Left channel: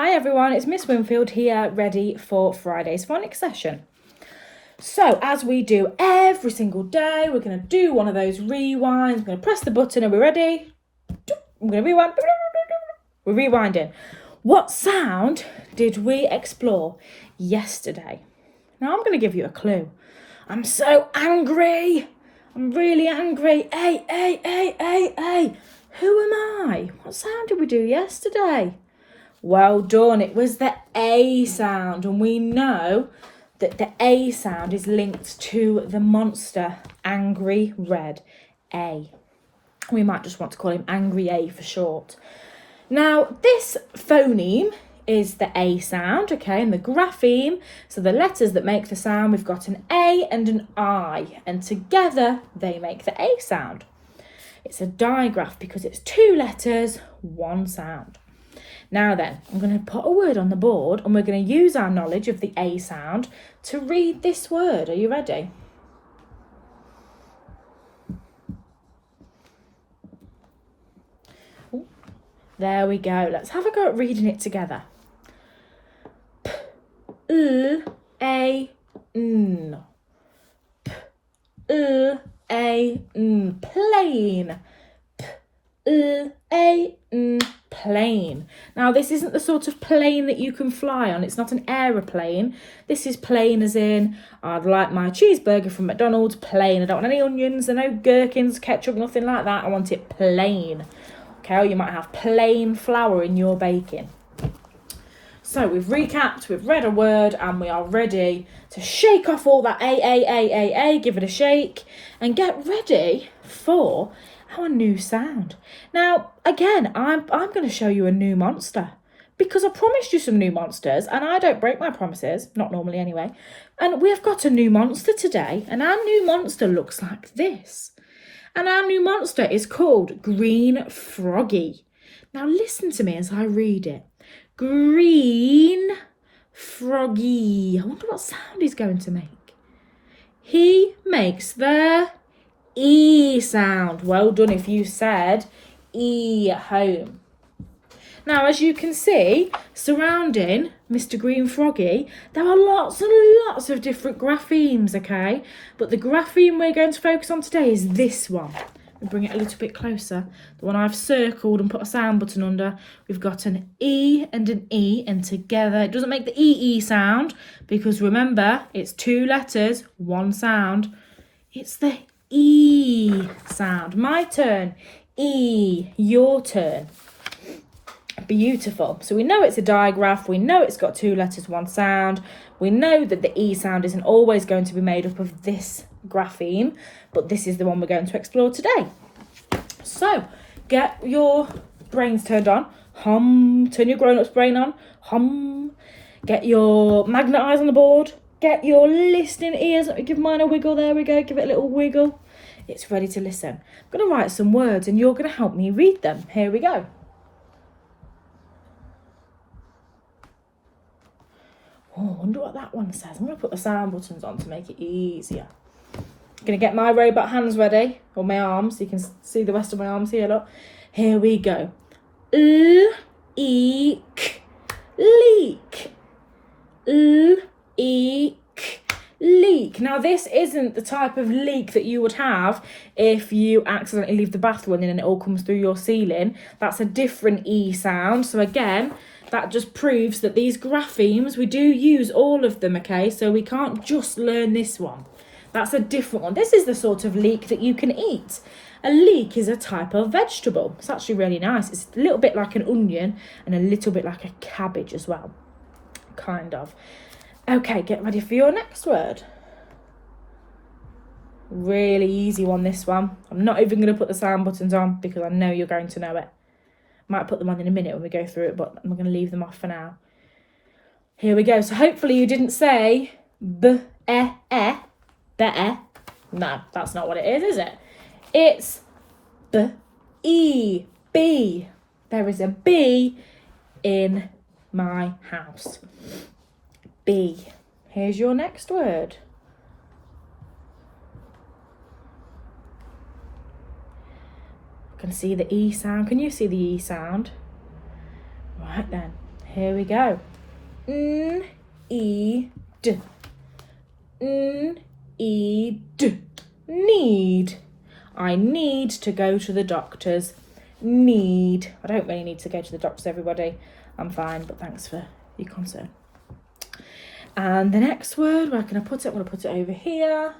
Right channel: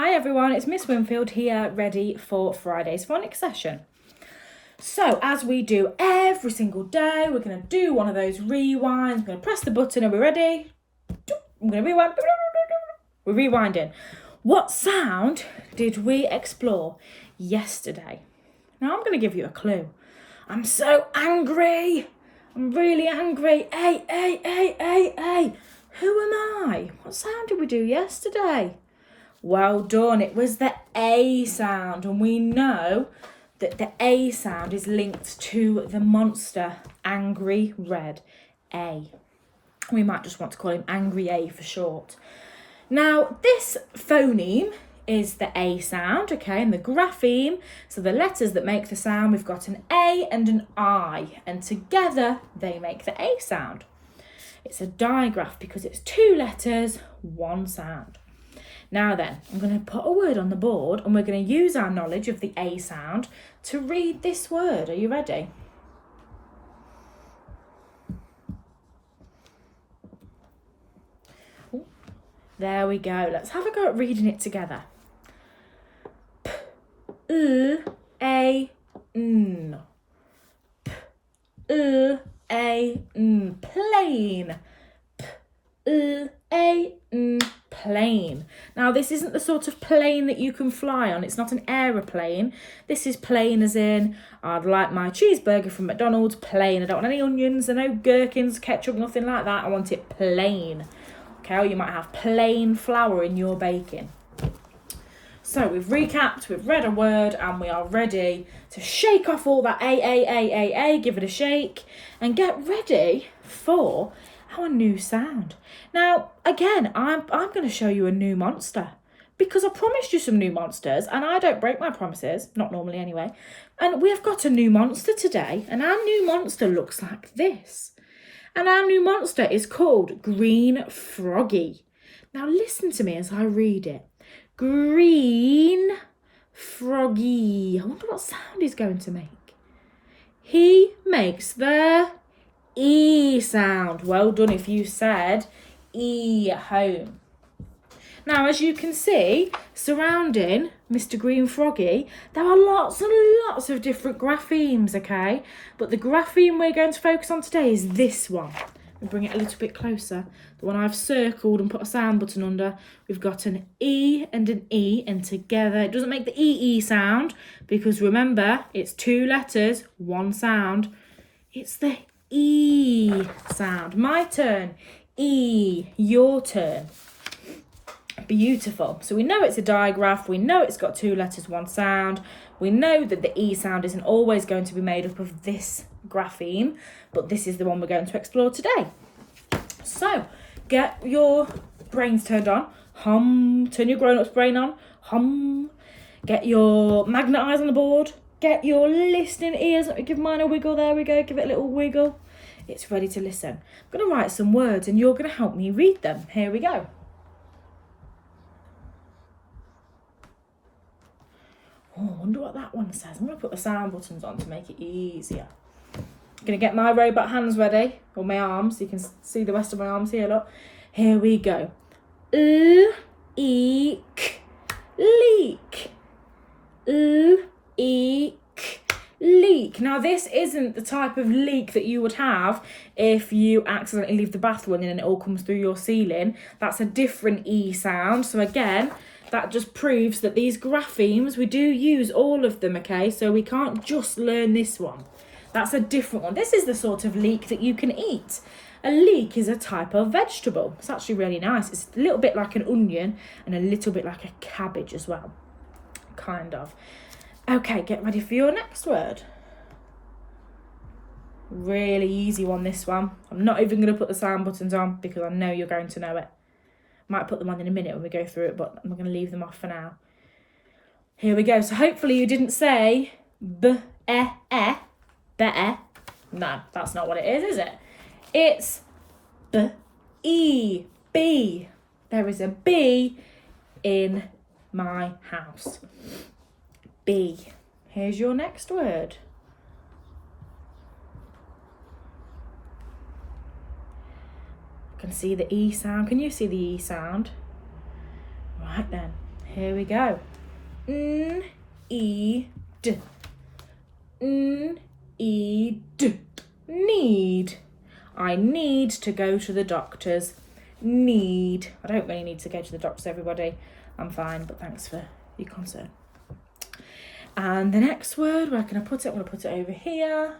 Hi everyone, it's Miss Winfield here, ready for Friday's phonics session. So as we do every single day, we're going to do one of those rewinds. I'm going to press the button. Are we ready? I'm going to rewind. We're rewinding. What sound did we explore yesterday? Now I'm going to give you a clue. I'm so angry. I'm really angry. Hey. Who am I? What sound did we do yesterday? Well done. It was the A sound, and we know that the A sound is linked to the monster Angry Red A. We might just want to call him Angry A for short. Now, this phoneme is the A sound, okay, and the grapheme, so the letters that make the sound, we've got an A and an I, and together they make the A sound. It's a digraph because it's two letters, one sound. Now then, I'm going to put a word on the board and we're going to use our knowledge of the A sound to read this word. Are you ready? Ooh, there we go. Let's have a go at reading it together. P-L-A-N. P-L-A-N. Plane. P-L-A-N. Plane. Now this isn't the sort of plane that you can fly on. It's not an aeroplane. This is plain as in I'd like my cheeseburger from McDonald's plain. I don't want any onions, no gherkins, ketchup, nothing like that. I want it plain. Okay, or you might have plain flour in your baking. So we've recapped, we've read a word, and we are ready to shake off all that A, give it a shake, and get ready for our new sound. Now, again, I'm going to show you a new monster because I promised you some new monsters and I don't break my promises, not normally anyway. And we've got a new monster today, and our new monster looks like this. And our new monster is called Green Froggy. Now listen to me as I read it. Green Froggy. I wonder what sound he's going to make. He makes the E sound. Well done if you said E at home. Now, as you can see, surrounding Mr. Green Froggy, there are lots and lots of different graphemes, okay? But the grapheme we're going to focus on today is this one. We'll bring it a little bit closer. The one I've circled and put a sound button under. We've got an E, and together it doesn't make the E sound because remember, it's two letters, one sound. It's the E sound. My turn. E. Your turn. Beautiful. So we know it's a digraph. We know it's got two letters, one sound. We know that the E sound isn't always going to be made up of this grapheme, but this is the one we're going to explore today. So get your brains turned on. Hum. Turn your grown-up's brain on. Hum. Get your magnet eyes on the board. Get your listening ears. Give mine a wiggle. There we go. Give it a little wiggle. It's ready to listen. I'm going to write some words and you're going to help me read them. Here we go. Oh, I wonder what that one says. I'm going to put the sound buttons on to make it easier. I'm going to get my robot hands ready, or my arms. You can see the rest of my arms here, look. Here we go. Leak. Leak. Leak. Now this isn't the type of leak that you would have if you accidentally leave the bath running and it all comes through your ceiling. That's a different E sound. So again, that just proves that these graphemes, we do use all of them, okay? So we can't just learn this one. That's a different one. This is the sort of leek that you can eat. A leek is a type of vegetable. It's actually really nice. It's a little bit like an onion and a little bit like a cabbage as well. Kind of. Okay, get ready for your next word. Really easy one, this one. I'm not even going to put the sound buttons on because I know you're going to know it. Might put them on in a minute when we go through it, but I'm going to leave them off for now. Here we go. So hopefully you didn't say B-E-E, better. No, that's not what it is it? It's B-E, B. There is a B in my house. B. Here's your next word. I can see the E sound. Can you see the E sound? Right then. Here we go. N-E-D. N-E-D. Need. I need to go to the doctors. Need. I don't really need to go to the doctors, everybody. I'm fine, but thanks for your concern. And the next word, where can I put it? I'm going to put it over here.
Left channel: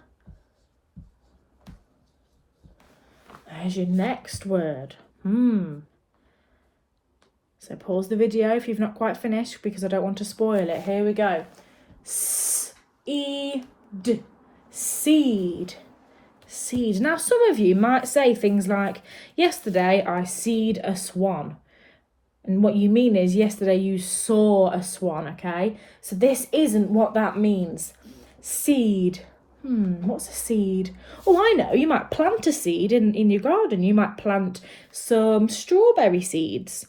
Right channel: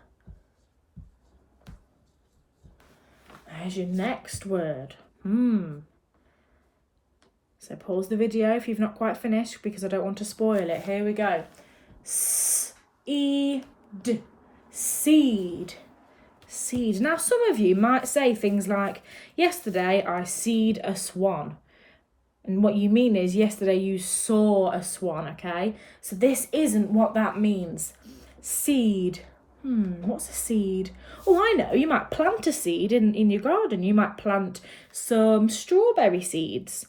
There's your next word. So pause the video if you've not quite finished, because I don't want to spoil it. Here we go. S-E-D. Seed. Seed. Now, some of you might say things like, yesterday I seed a swan. And what you mean is, yesterday you saw a swan, okay? So this isn't what that means. Seed. What's a seed? Oh, I know. You might plant a seed in your garden. You might plant some strawberry seeds.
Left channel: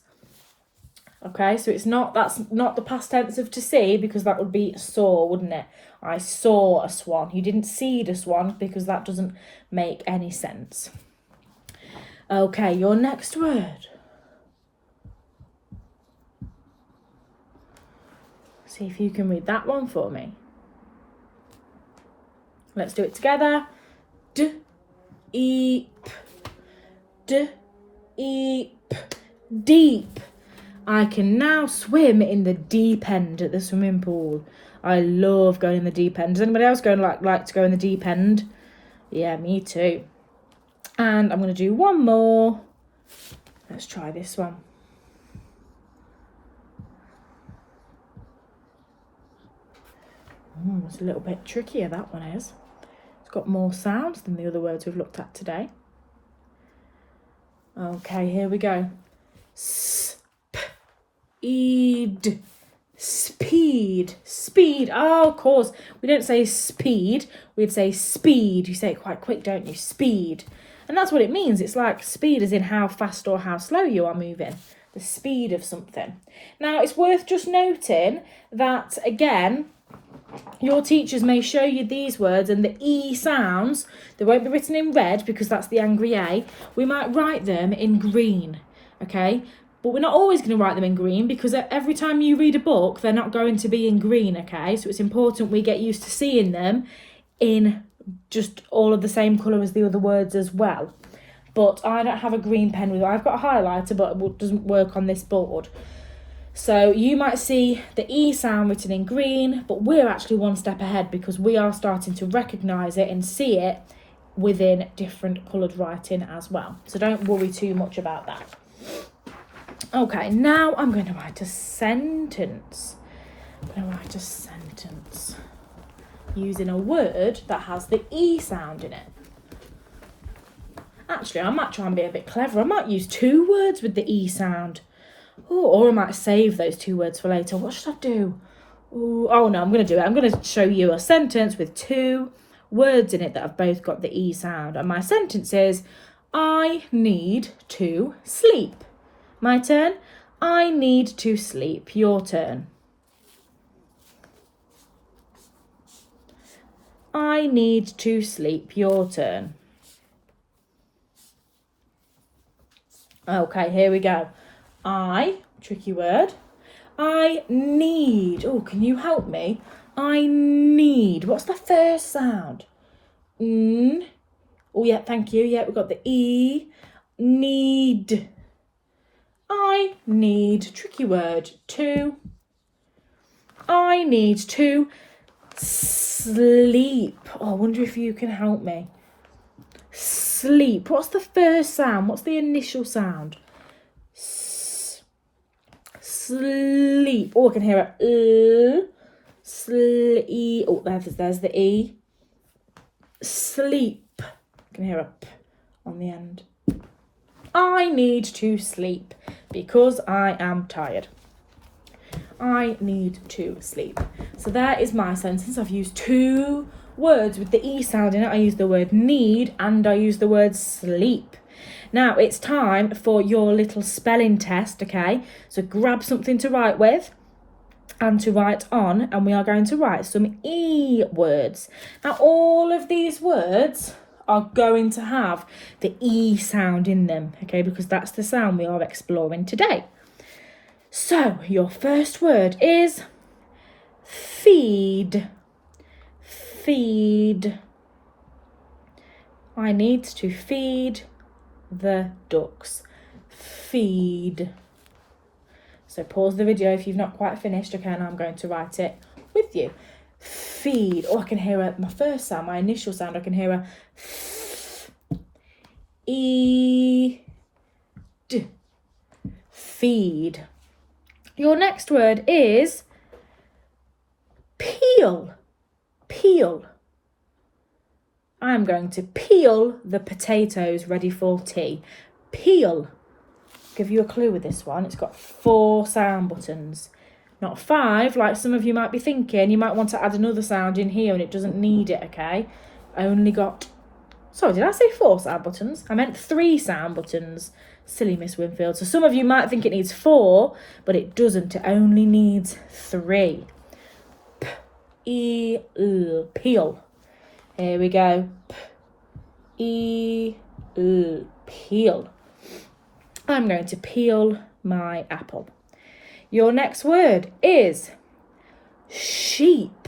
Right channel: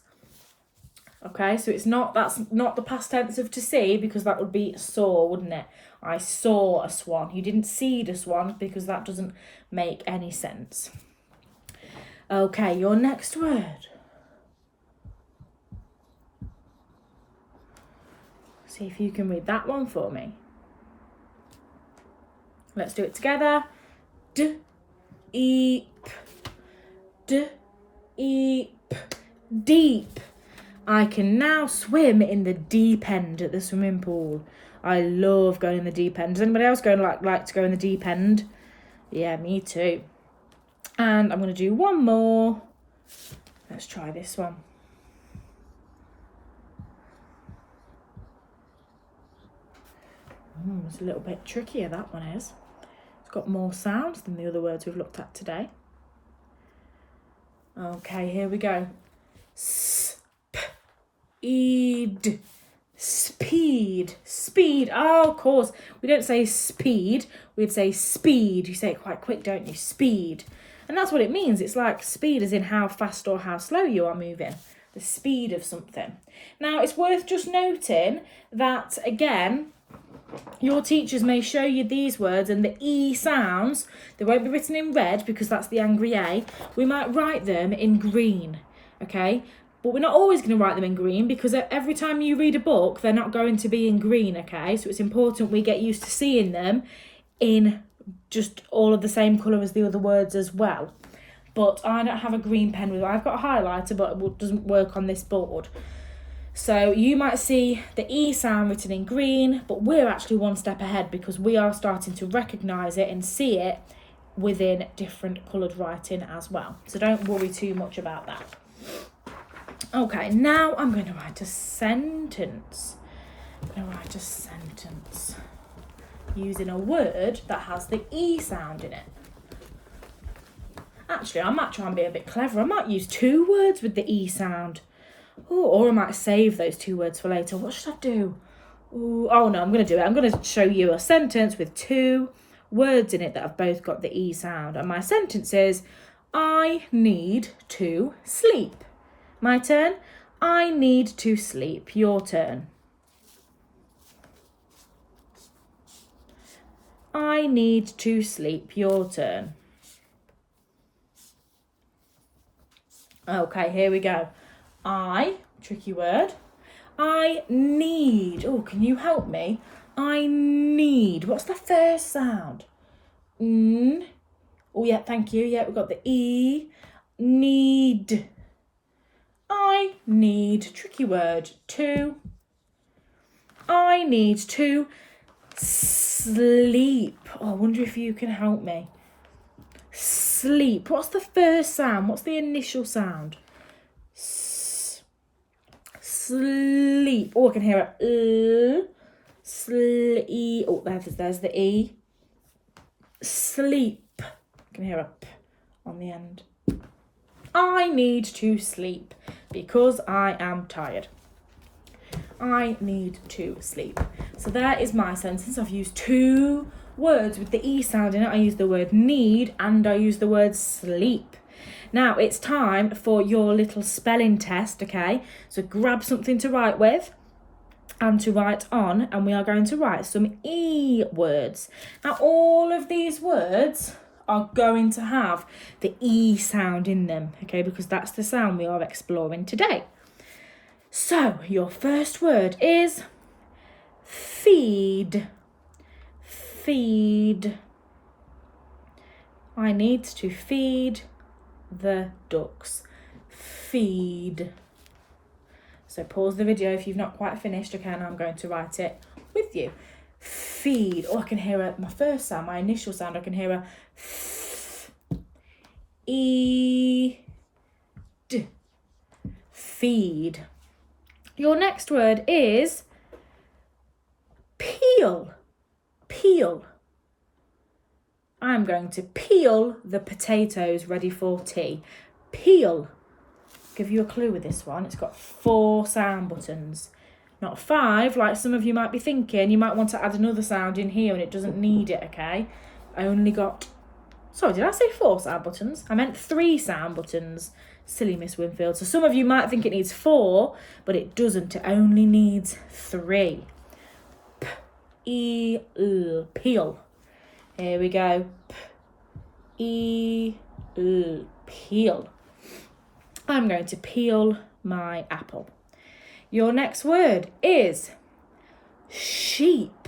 Okay, so that's not the past tense of to see, because that would be saw, wouldn't it? I saw a swan. You didn't seed a swan, because that doesn't make any sense. Okay, your next word. See if you can read that one for me. Let's do it together. D-E-P. D-E-P. Deep. I can now swim in the deep end at the swimming pool. I love going in the deep end. Does anybody else like to go in the deep end? Yeah, me too. And I'm going to do one more. Let's try this one. It's a little bit trickier, that one is. It's got more sounds than the other words we've looked at today. Okay, here we go. S-P-E-D. Speed. Speed. Oh, of course. We don't say speed. We'd say speed. You say it quite quick, don't you? Speed. And that's what it means. It's like speed as in how fast or how slow you are moving. The speed of something. Now, it's worth just noting that, again, your teachers may show you these words and the E sounds, they won't be written in red because that's the angry A. We might write them in green, okay? But we're not always going to write them in green, because every time you read a book, they're not going to be in green, okay? So it's important we get used to seeing them in just all of the same colour as the other words as well. But I don't have a green pen with me. I've got a highlighter, but it doesn't work on this board. So you might see the E sound written in green, but we're actually one step ahead, because we are starting to recognise it and see it within different coloured writing as well. So don't worry too much about that. Okay, now I'm going to write a sentence. I'm going to write a sentence using a word that has the E sound in it. Actually, I might try and be a bit clever. I might use 2 words with the E sound. Ooh, or I might save those 2 words for later. What should I do? Ooh, oh no, I'm going to do it. I'm going to show you a sentence with 2 words in it that have both got the E sound. And my sentence is, I need to sleep. My turn. I need to sleep. Your turn. I need to sleep. Your turn. Okay, here we go. Tricky word. I need. Oh, can you help me? I need. What's the first sound? N. Oh, yeah, thank you. Yeah, we've got the E. Need. I need. Tricky word. To. I need to sleep. Oh, I wonder if you can help me. Sleep. What's the first sound? What's the initial sound? Sleep. Oh, I can hear a sleep. Oh, there's the E. Sleep. I can hear a P on the end. I need to sleep because I am tired. I need to sleep. So there is my sentence. I've used 2 words with the E sound in it. I use the word need and I use the word sleep. Now it's time for your little spelling test, okay? So grab something to write with and to write on, and we are going to write some E words. Now all of these words are going to have the E sound in them, okay? Because that's the sound we are exploring today. So, your first word is feed. Feed. I need to feed the ducks. Feed. So pause the video if you've not quite finished, okay, and I'm going to write it with you. Feed. Oh, I can hear my first sound, my initial sound. I can hear a f, e, d. Feed. Your next word is peel. Peel. I'm going to peel the potatoes ready for tea. Peel. Give you a clue with this one. It's got 4 sound buttons, not 5 like some of you might be thinking. You might want to add another sound in here and it doesn't need it, okay? Only got, sorry, did I say 4 sound buttons? I meant 3 sound buttons. Silly Miss Winfield. So some of you might think it needs 4, but it doesn't. It only needs 3. P-E-L, peel. Here we go. P-E-L, peel. I'm going to peel my apple. Your next word is sheep.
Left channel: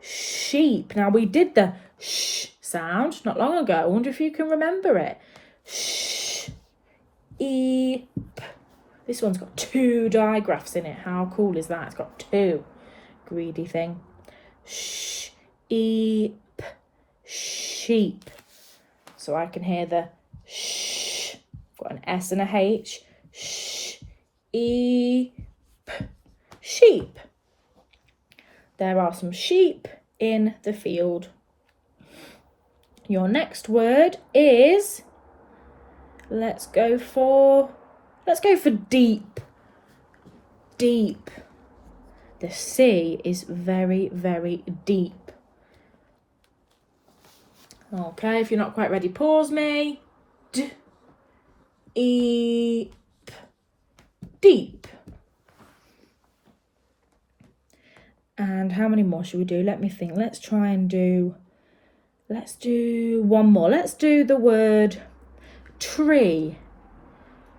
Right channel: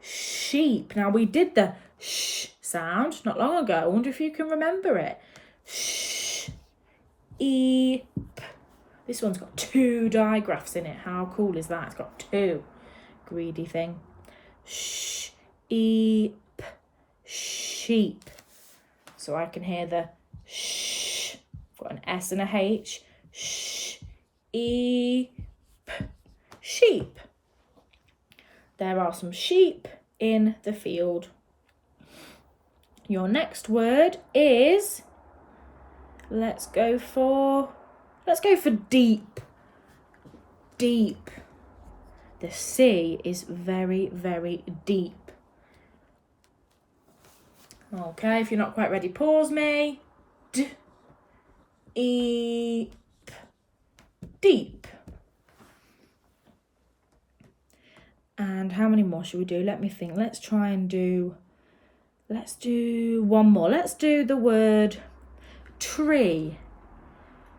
Sheep. Now, we did the sh sound not long ago. I wonder if you can remember it. Sh, e, p. This one's got 2 digraphs in it. How cool is that? It's got 2. Greedy thing. Sh, e, p. Sheep. So I can hear the sh. Got an S and a H. Sh, e, p. Sheep. There are some sheep in the field. Your next word is, let's go for deep. Deep. The sea is very, very deep. Okay, if you're not quite ready, pause me. Deep. Deep. And how many more should we do? Let me think. Let's do one more. Let's do the word tree.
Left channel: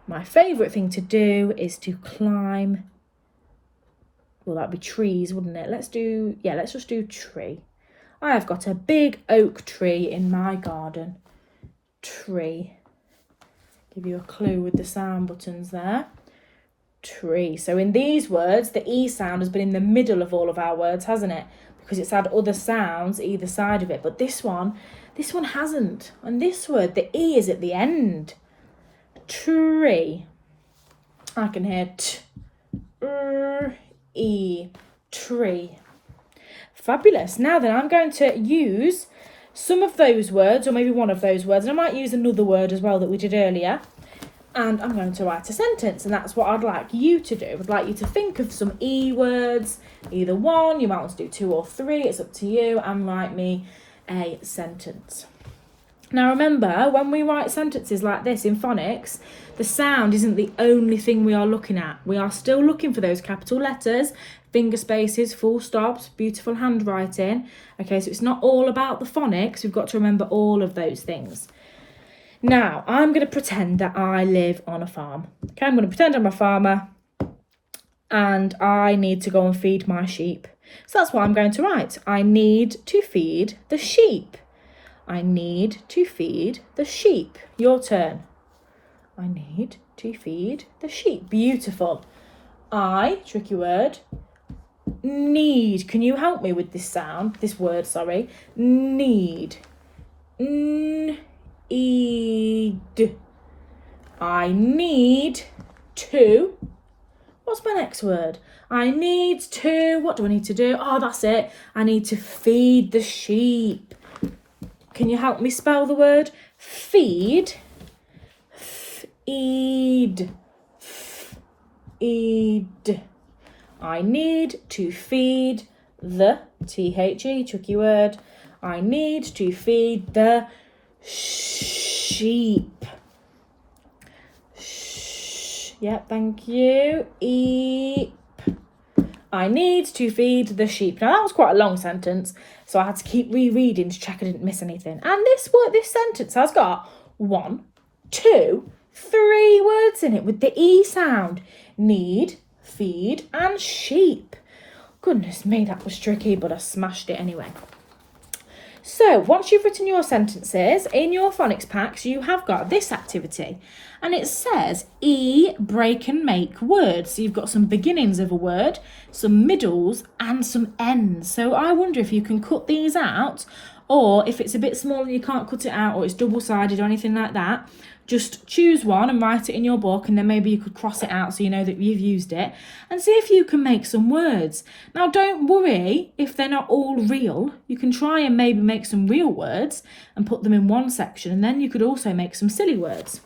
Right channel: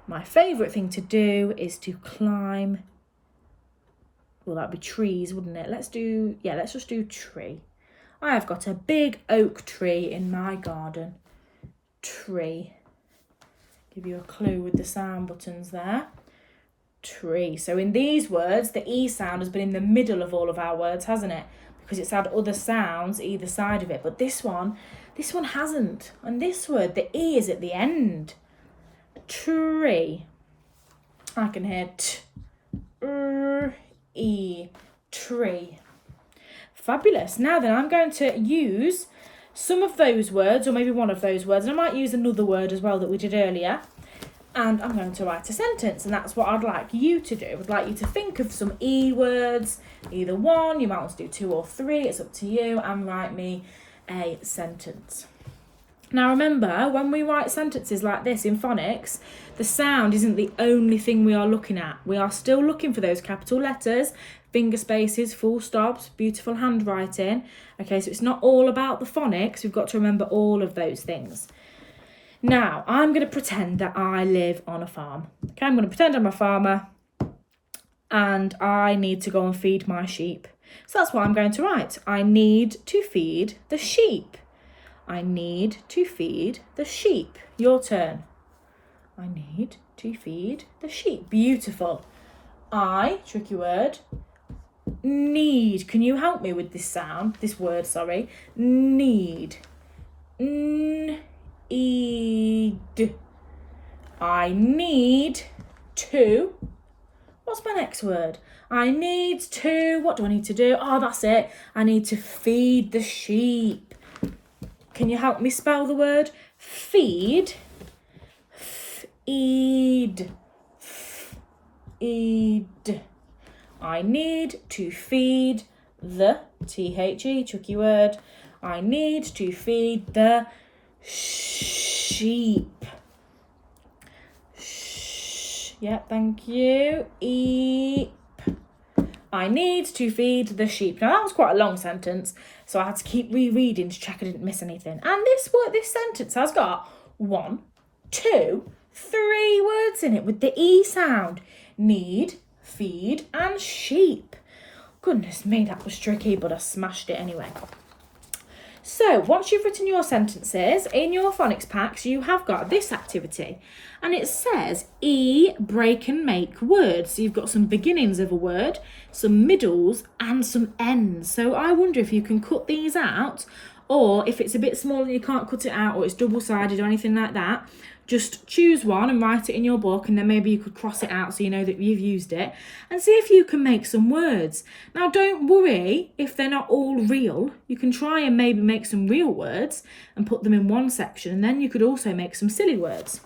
My favourite thing to do is to climb. Well, that'd be trees, wouldn't it? Let's just do tree. I have got a big oak tree in my garden. Tree. Give you a clue with the sound buttons there. Tree. So in these words, the E sound has been in the middle of all of our words, hasn't it? Because it's had other sounds either side of it. But this one hasn't. And this word, the E is at the end. Tree. I can hear E. Tree. Fabulous. Now then, I'm going to use some of those words, or maybe one of those words, and I might use another word as well that we did earlier, and I'm going to write a sentence, and that's what I'd like you to do. I'd like you to think of some E words, either one, you might want to do 2 or 3, it's up to you, and write me a sentence. Now remember, when we write sentences like this in phonics, the sound isn't the only thing we are looking at. We are still looking for those capital letters, finger spaces, full stops, beautiful handwriting. Okay, so it's not all about the phonics. We've got to remember all of those things. Now, I'm going to pretend that I live on a farm. Okay, I'm going to pretend I'm a farmer and I need to go and feed my sheep. So that's what I'm going to write. I need to feed the sheep. I need to feed the sheep. Your turn. I need to feed the sheep. Beautiful. Tricky word, need. Can you help me with this word, sorry? Need. Need. I need to. What's my next word? I need to. What do I need to do? Oh, that's it. I need to feed the sheep. Can you help me spell the word feed? Feed. Feed. I need to feed the T-H-E, tricky word. I need to feed the sheep. Yep, thank you. Eep. I need to feed the sheep. Now that was quite a long sentence, so I had to keep rereading to check I didn't miss anything. And this sentence has got 1, 2, 3 words in it with the E sound. need, feed, and sheep. Goodness me, that was tricky, but I smashed it anyway. So once you've written your sentences, in your phonics packs, you have got this activity. And it says break and make words. So you've got some beginnings of a word, some middles, and some ends. So I wonder if you can cut these out, or if it's a bit small and you can't cut it out, or it's double-sided or anything like that, just choose one and write it in your book, and then maybe you could cross it out so you know that you've used it, and see if you can make some words. Now, don't worry if they're not all real. You can try and maybe make some real words and put them in one section, and then you could also make some silly words.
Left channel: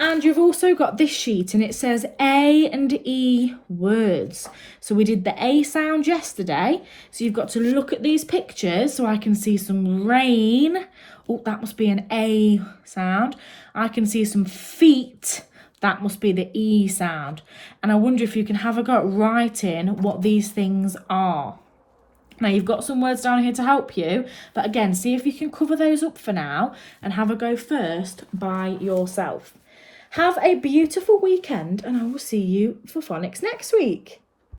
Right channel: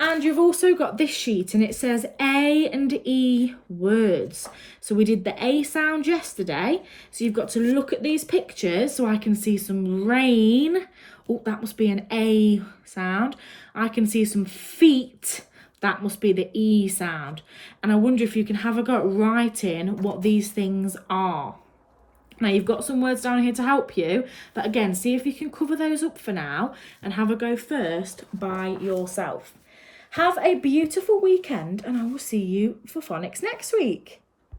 And you've also got this sheet, and it says A and E words. So we did the A sound yesterday. So you've got to look at these pictures so I can see some rain. Oh, that must be an A sound. I can see some feet. That must be the E sound. And I wonder if you can have a go at writing what these things are. Now, you've got some words down here to help you, but again, see if you can cover those up for now and have a go first by yourself. Have a beautiful weekend, and I will see you for phonics next week.